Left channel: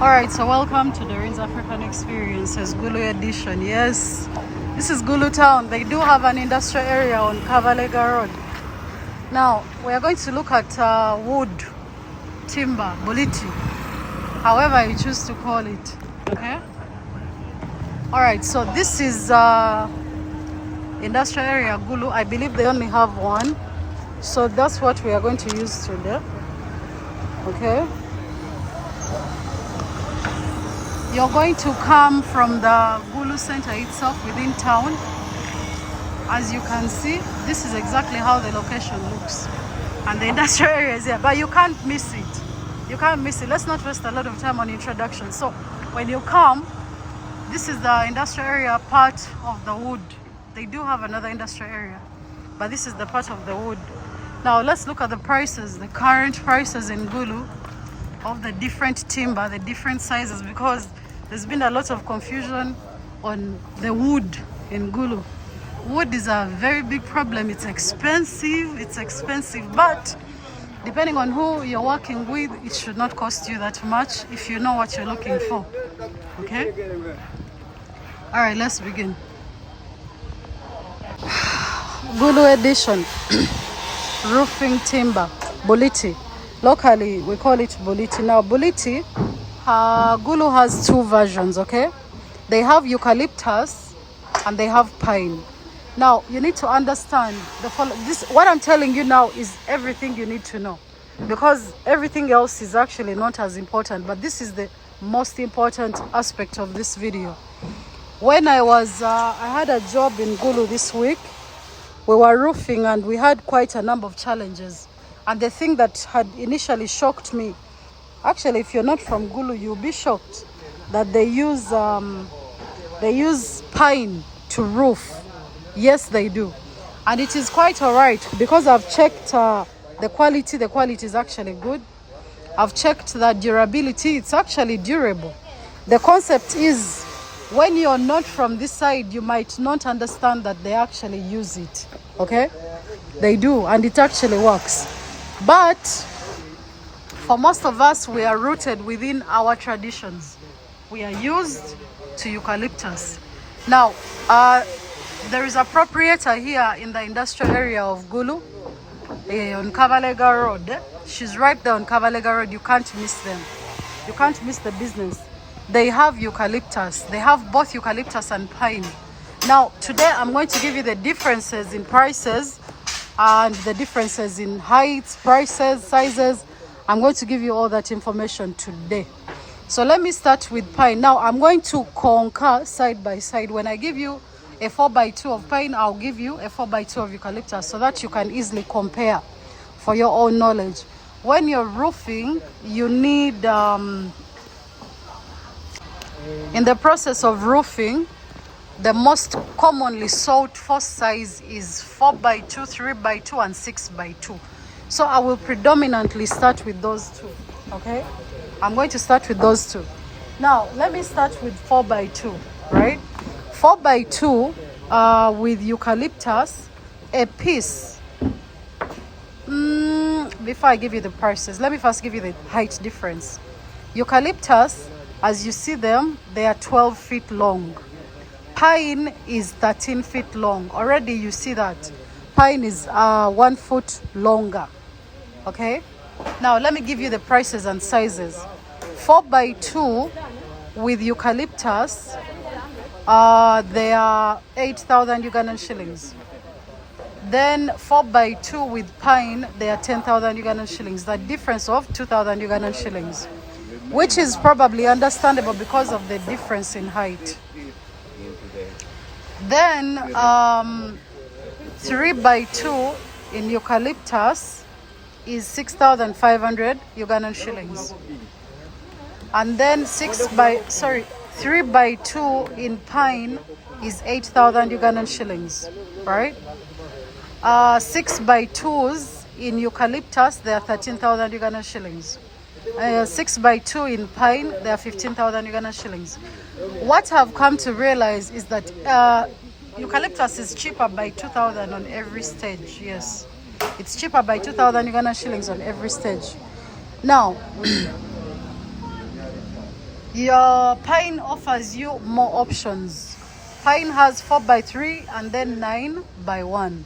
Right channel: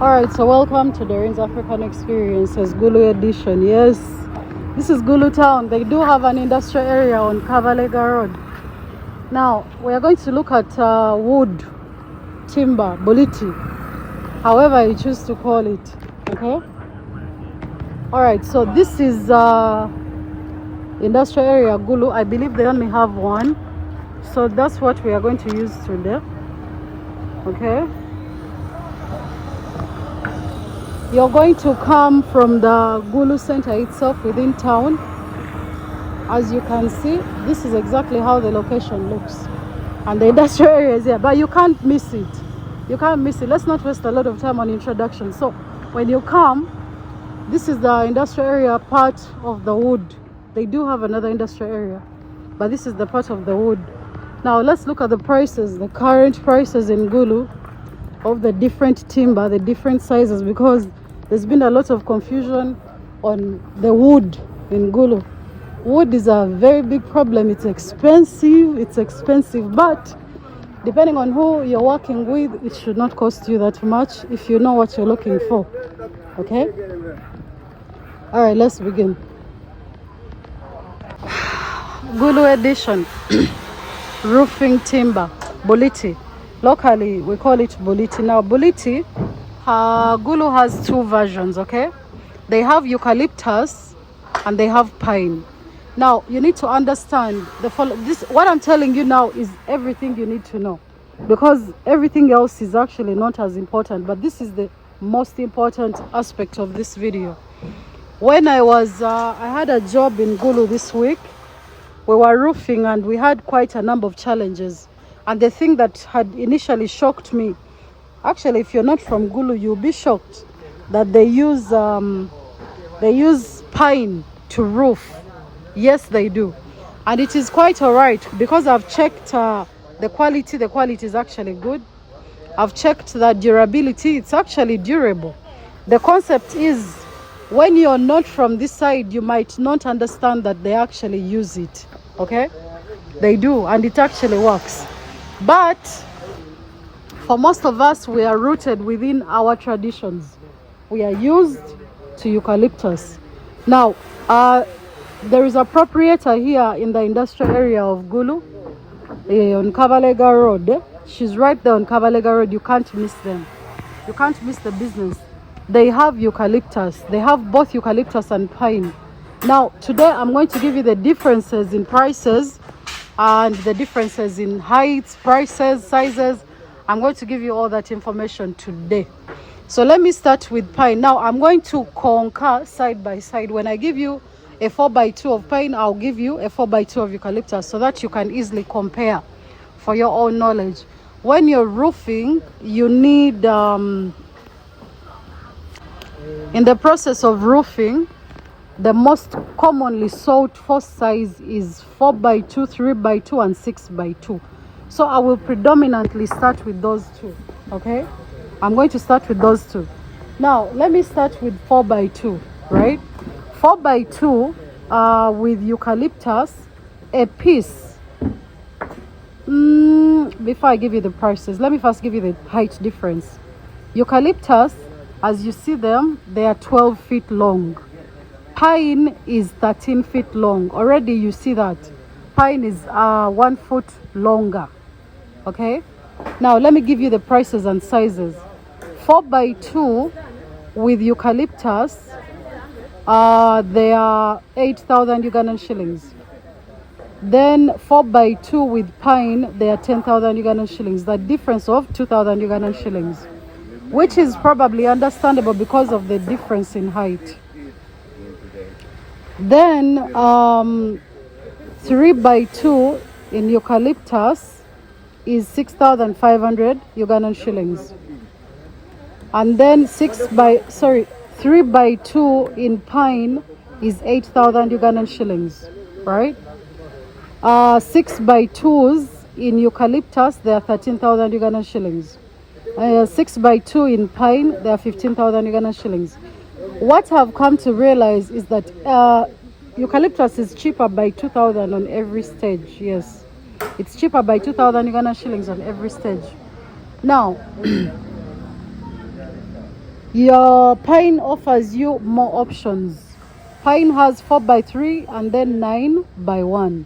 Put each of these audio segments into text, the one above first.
Alright, so welcome to DOREEN'S African Experiences, Golo edition. Yes, this is Gulu town. They do have an industrial area on Kavalega Road. Now, we are going to look at wood, timber, boliti, however you choose to call it. Okay? Alright, so this is industrial area Gulu. I believe they only have one. So that's what we are going to use today. Okay? You're going to come from the Gulu center itself within town. As you can see, this is exactly how the location looks. And the industrial area is here, but you can't miss it. You can't miss it. Let's not waste a lot of time on introduction. So when you come, this is the industrial area part of the wood. They do have another industrial area, but this is the part of the wood. Now let's look at the prices, the current prices in Gulu of the different timber, the different sizes, because there's been a lot of confusion on the wood in Gulu. Wood is a very big problem. It's expensive, but depending on who you're working with, it should not cost you that much if you know what you're looking for. Okay? All right, let's begin. Gulu edition. Roofing timber, boliti. Locally, we call it boliti. Now, boliti, Gulu has two versions, okay? They have eucalyptus and they have pine. Now, you need to understand what I'm telling you now is everything you need to know, because everything else is actually not as important, but this is the most important aspect of this video. When I had a job in Gulu this week. We were roofing and we had quite a number of challenges. And the thing that had initially shocked me, actually, if you're not from Gulu, you'll be shocked that they use pine to roof. Yes, they do. And it is quite all right, because I've checked the quality. The quality is actually good. I've checked the durability. It's actually durable. The concept is, when you're not from this side, you might not understand that they actually use it. Okay? They do, and it actually works. But for most of us, we are rooted within our traditions. We are used to eucalyptus. Now, there is a proprietor here in the industrial area of Gulu on Kavalega Road. She's right there on Kavalega Road. You can't miss them. You can't miss the business. They have eucalyptus. They have both eucalyptus and pine. Now, today I'm going to give you the differences in prices and the differences in heights, prices, sizes. I'm going to give you all that information today. So let me start with pine. Now, I'm going to concur side by side. When I give you a 4x2 of pine, I'll give you a 4x2 of eucalyptus so that you can easily compare for your own knowledge. When you're roofing, you need... in the process of roofing, the most commonly sought for size is 4x2, 3x2, and 6x2. So I will predominantly start with those two, okay? I'm going to start with those two. Now, let me start with 4x2, right? 4x2 with eucalyptus, a piece. Before I give you the prices, let me first give you the height difference. Eucalyptus, as you see them, they are 12 feet long. Pine is 13 feet long. Already you see that. Pine is 1 foot longer. Okay? Now let me give you the prices and sizes. 4x2 with eucalyptus, they are 8,000 Ugandan shillings. Then 4x2 with pine, they are 10,000 Ugandan shillings. The difference of 2,000 Ugandan shillings, which is probably understandable because of the difference in height. Then 3x2 in eucalyptus is 6,500 Ugandan shillings. And then 3x2 in pine is 8,000 Ugandan shillings, right? 6x2s in eucalyptus, they are 13,000 Ugandan shillings. 6x2 in pine, they are 15,000 Ugandan shillings. What I've come to realize is that eucalyptus is cheaper by 2,000 on every stage. Yes, it's cheaper by 2,000 Ugandan shillings on every stage. Now, Your pine offers you more options. Pine has 4x3 and then 9x1.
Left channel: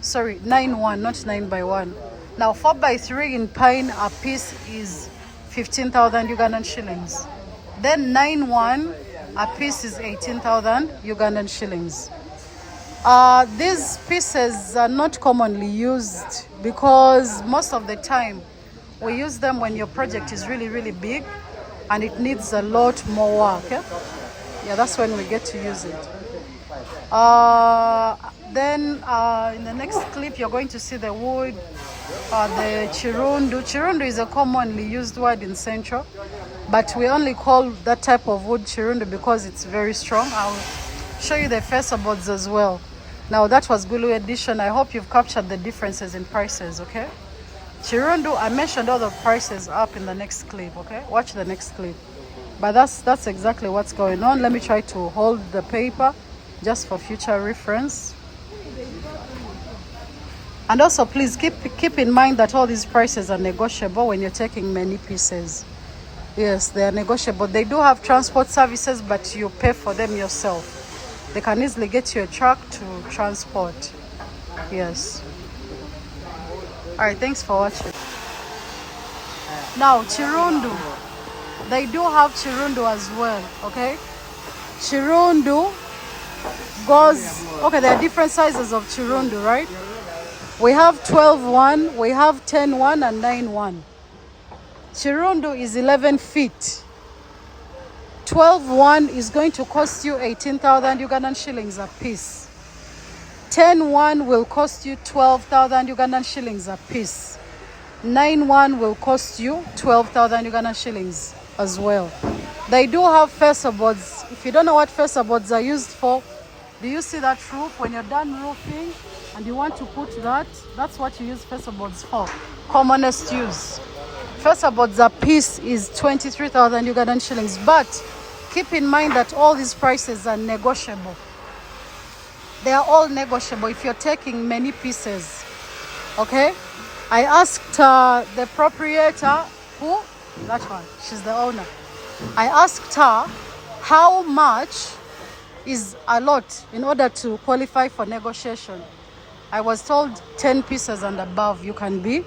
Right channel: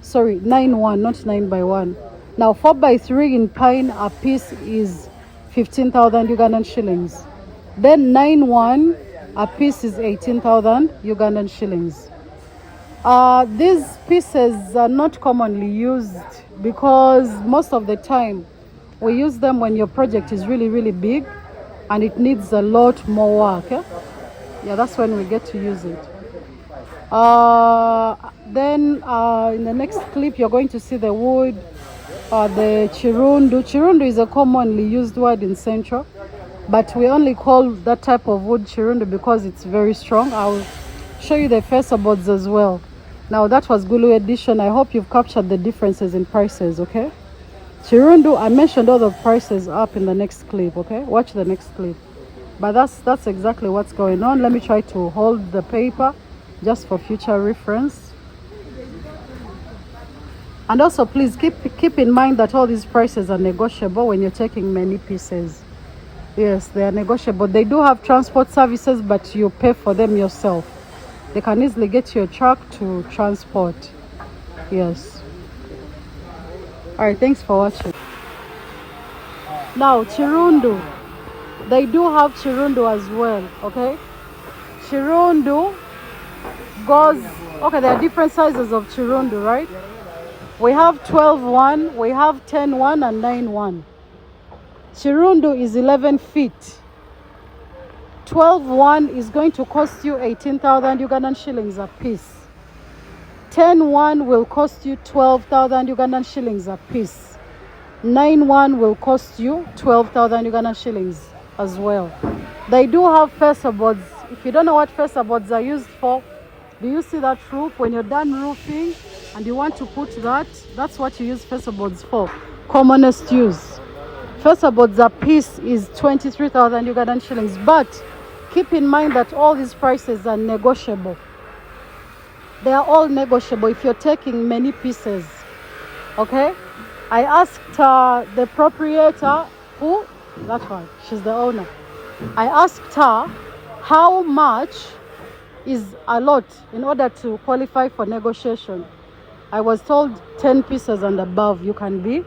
Sorry, 9x1, not 9x1. Now 4x3 in pine a piece is 15,000 Ugandan shillings. Then 9x1 a piece is 18,000 Ugandan shillings. These pieces are not commonly used because most of the time we use them when your project is really, really big and it needs a lot more work. Yeah, that's when we get to use it. Then in the next clip, you're going to see the wood, the chirundu. Chirundu is a commonly used word in Central, but we only call that type of wood chirundu because it's very strong. I'll show you the fesa boards as well. Now that was Golo edition. I hope you've captured the differences in prices, okay? Chirundu, I mentioned all the prices up in the next clip, okay? Watch the next clip. But that's exactly what's going on. Let me try to hold the paper just for future reference. And also please keep in mind that all these prices are negotiable when you're taking many pieces. Yes, they are negotiable. They do have transport services, but you pay for them yourself. They can easily get you a truck to transport. Yes. All right, thanks for watching. Now, chirundu. They do have chirundu as well, okay? Chirundu goes... Okay, there are different sizes of chirundu, right? We have 12-1, we have 10-1, and 9-1. Chirundu is 11 feet. 12-1 is going to cost you 18,000 Ugandan shillings a piece. 10-1 will cost you 12,000 Ugandan shillings a piece. 9-1 will cost you 12,000 Ugandan shillings as well. They do have fesa boards. If you don't know what fesa boards are used for, do you see that roof? When you're done roofing and you want to put that, that's what you use fesa boards for. Commonest use. Fesa boards a piece is 23,000 Ugandan shillings, but keep in mind that all these prices are negotiable. They are all negotiable if you're taking many pieces, okay? I asked the proprietor, who? That one, she's the owner. I asked her how much is a lot in order to qualify for negotiation. I was told 10 pieces and above you can be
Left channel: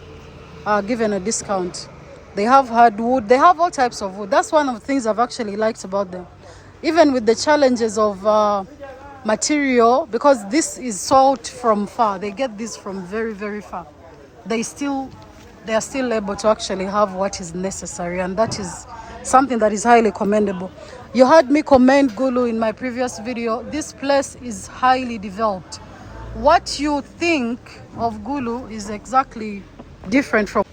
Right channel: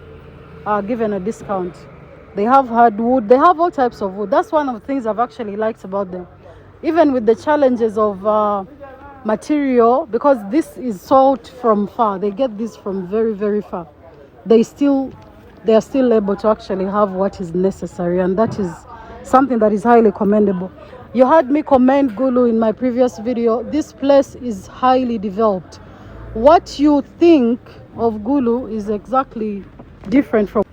given a discount. They have hardwood, they have all types of wood. That's one of the things I've actually liked about them. Even with the challenges of material, because this is sold from far. They get this from very, very far. They are still able to actually have what is necessary, and that is something that is highly commendable. You heard me commend Golo in my previous video. This place is highly developed. What you think of Golo is exactly different from